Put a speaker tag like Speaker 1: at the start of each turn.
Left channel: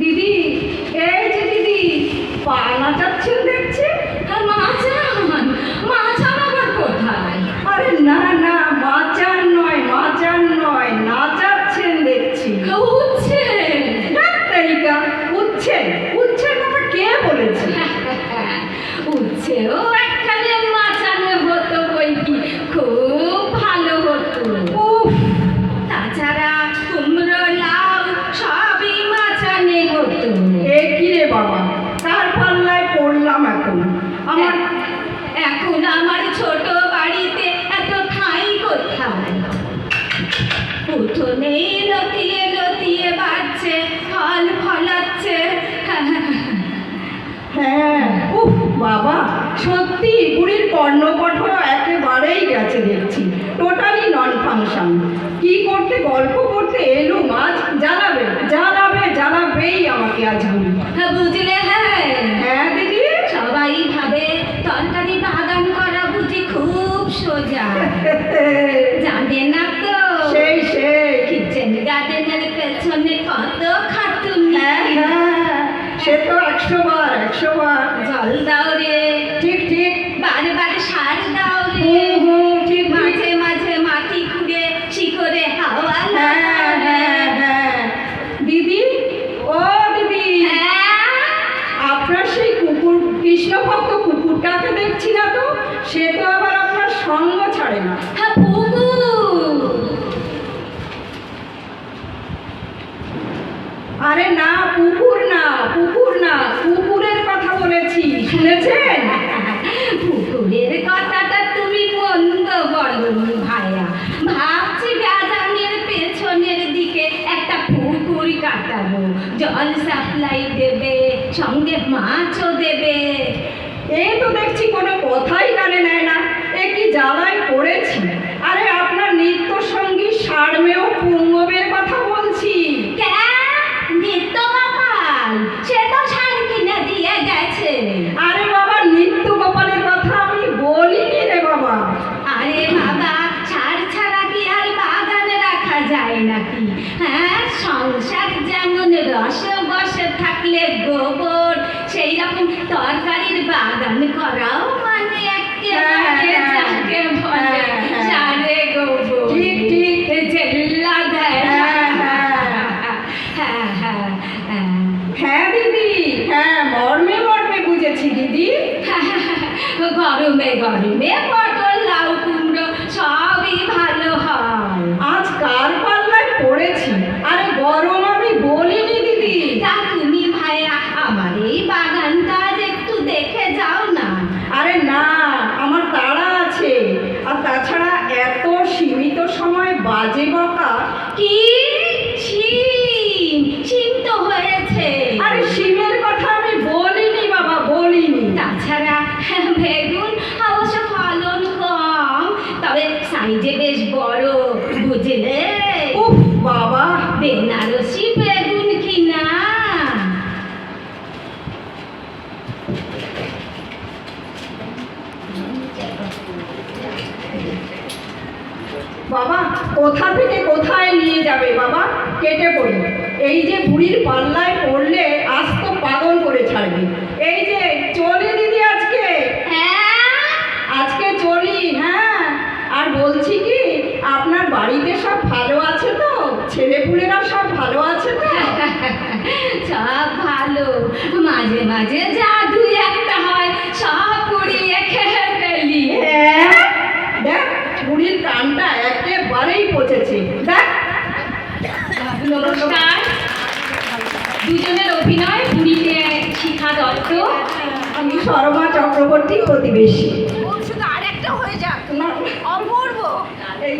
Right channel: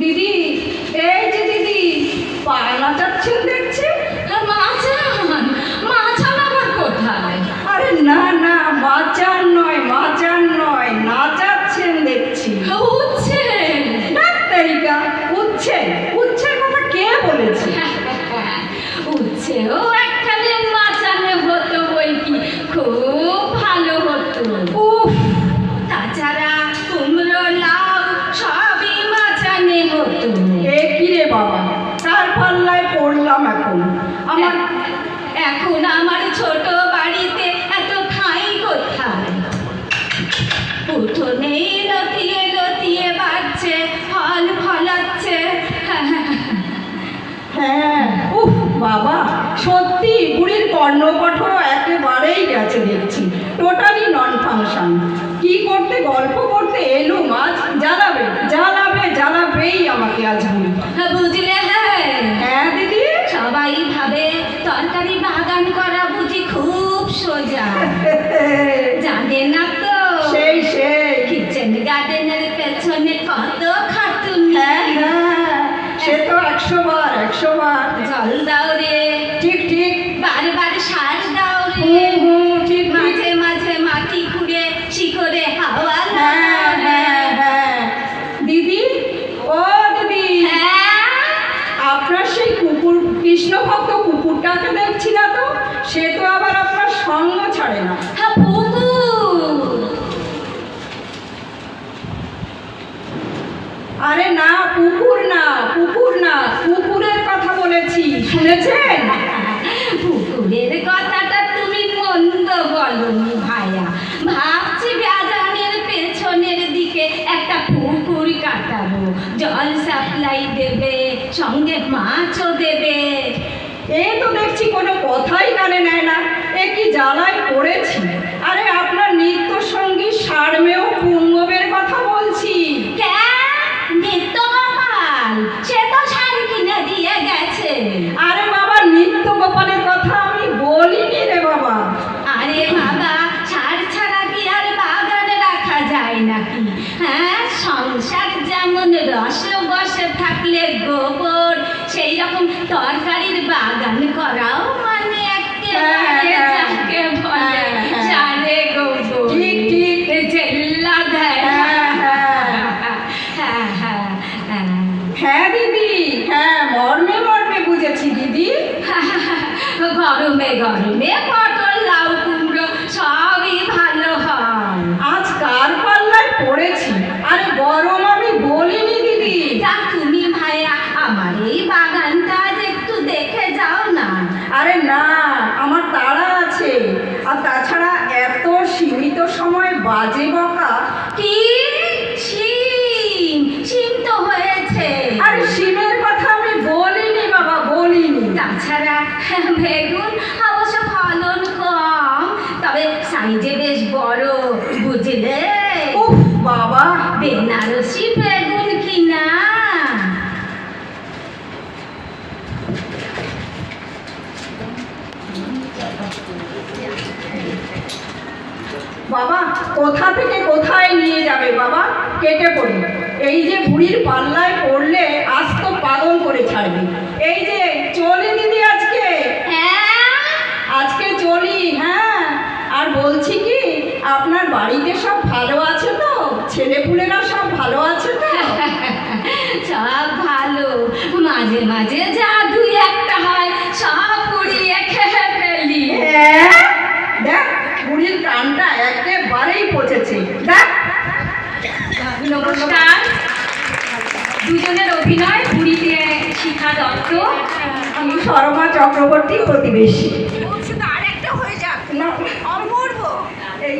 Speaker 1: দিদি এই যে দিদি পা নাচাচ্ছেন দেখছি
Speaker 2: আর মাচান মাচান আবার কোথায়?
Speaker 1: আরে না না মাচান নয় মাচান নয় নাচাচ্ছেন দেখছি।
Speaker 2: উঠছে
Speaker 1: ডাক্তারিকা উচ্ছেন উচ্ছের কথা কে বলেছে?
Speaker 2: উঠছে ও
Speaker 1: পড়লাম এখন। আমার
Speaker 2: এখন আমার ছোট বাড়িতে এত ঠাঁই কোথায়? উঠোনেই লতিয়ে লতিয়ে বাড়ছে ফল ফলাচ্ছে।
Speaker 1: হ্যাঁ উফ বাবা সত্যি বুড়ির কর্ণকঠোর একেবারেই গেছে দেখছি। টোটালি নন ফাংশন কি করতে গল্প করতে এলো মাছ? জ্বালাবে জ্বালাবে জ্বালাবেই আমাকে আজ বুড়ি
Speaker 2: বুঝলে
Speaker 1: একশো বার একশো বার
Speaker 2: জল দাও রে।
Speaker 1: ঠিক ঠিক।
Speaker 2: বারে বারে সার দাও রে।
Speaker 1: ঠিক
Speaker 2: মাঝে মাঝে মাটি খুঁড়ে শিকড়ে হাওয়া
Speaker 1: হ্যাঁ হ্যাঁ হ্যাঁ। দিদি ও দিদি।
Speaker 2: হ্যাঁ।
Speaker 1: আপনার সেই কুকুর কৃষ্ণ ভক্ত কুকুরটাকে দেখছি না তো? সে তো আবার আপনার সঙ্গ ছাড়ে না
Speaker 2: হ্যাঁ পুতু
Speaker 1: আরে না কুকুর না কুকুর না কুকুরের কথা বলেছি শুনেছেন
Speaker 2: পুকুরের কথাটা তুমি মন্দ বলনি ভাইয়া ভাবছি বাগানের পেছনের দিকে একটা পুকুর কাটাবো জল সাপ্লাই দেবে, সঙ্গে মাছও দেবে।
Speaker 1: এই তো দেখছি কোনো কথাই কানে নেয় না। এ কি জ্বালায় পড়েছি। আরে
Speaker 2: রস বসে থাকলে গোবর সেই রকম তরকারির বাগান করাও মানে একেবারে
Speaker 1: হ্যাঁ,
Speaker 2: বলে
Speaker 1: হ্যাঁ।
Speaker 2: সারে গোবর।
Speaker 1: ঠিক, ঠিক।
Speaker 2: জেল্লা দেয়।
Speaker 1: হ্যাঁ হ্যাঁ।
Speaker 2: হ্যাঁ
Speaker 1: দিদি। হ্যাঁ মর্মে মর্মে বুঝেছি দিদি।
Speaker 2: গরমে গরমে পটল লাউ কুমড়ো সবই ভালো হয়
Speaker 1: আজ কার পাল্লায় পড়েছি আরে গরম আমি বলিনি দিদি
Speaker 2: তা তুমি ভাইয়া আমার এই বাগানটা আজ একটু দেখে যাও না
Speaker 1: আরে না আমার তাড়া আছে আর তাছাড়া এত সীমিত সময় বাজে বকা।
Speaker 2: কি? শিম শিম তো হয়েছে।
Speaker 1: আরে শিমের কথা আমি বলিনি বাবা বলিনি।
Speaker 2: তাছাড়া বেগুন অবশ্য ফলন কম তবে সাইজে বেশ বড় বুঝলে?
Speaker 1: উফ বাবা।
Speaker 2: বেনারসি বেগুন কিনা?
Speaker 1: বাবা কোথা থেকে কোথায় নিয়ে যাবে বাবা? কেটে পড়ি। এই যে বুড়ির পাল্লায় পড়লে আজ তো পাগল করে ছাড়বি। এই যে চলি দিদি আজকে।
Speaker 2: হ্যাঁ।
Speaker 1: আজকে চলি হ্যাঁ। আর বলছি কি আপনার বাড়িতে সব ভালো আছে তো? ছেলেপুলেরা সব ভালো আছে তো?
Speaker 2: সব ভালো। মাঝে মাঝে যা
Speaker 1: একেবারেই পৌঁছেছি। দেখ।
Speaker 2: নমস্কার। দুজনের অভিনয় পুরীতে শিখা দত্ত
Speaker 1: আমি শর্মা চক্রবর্তী প্রতিবেশী।
Speaker 3: বলছে তো আর একটা হয়ে যাক।
Speaker 1: না।
Speaker 3: অপূর্ব।
Speaker 1: এই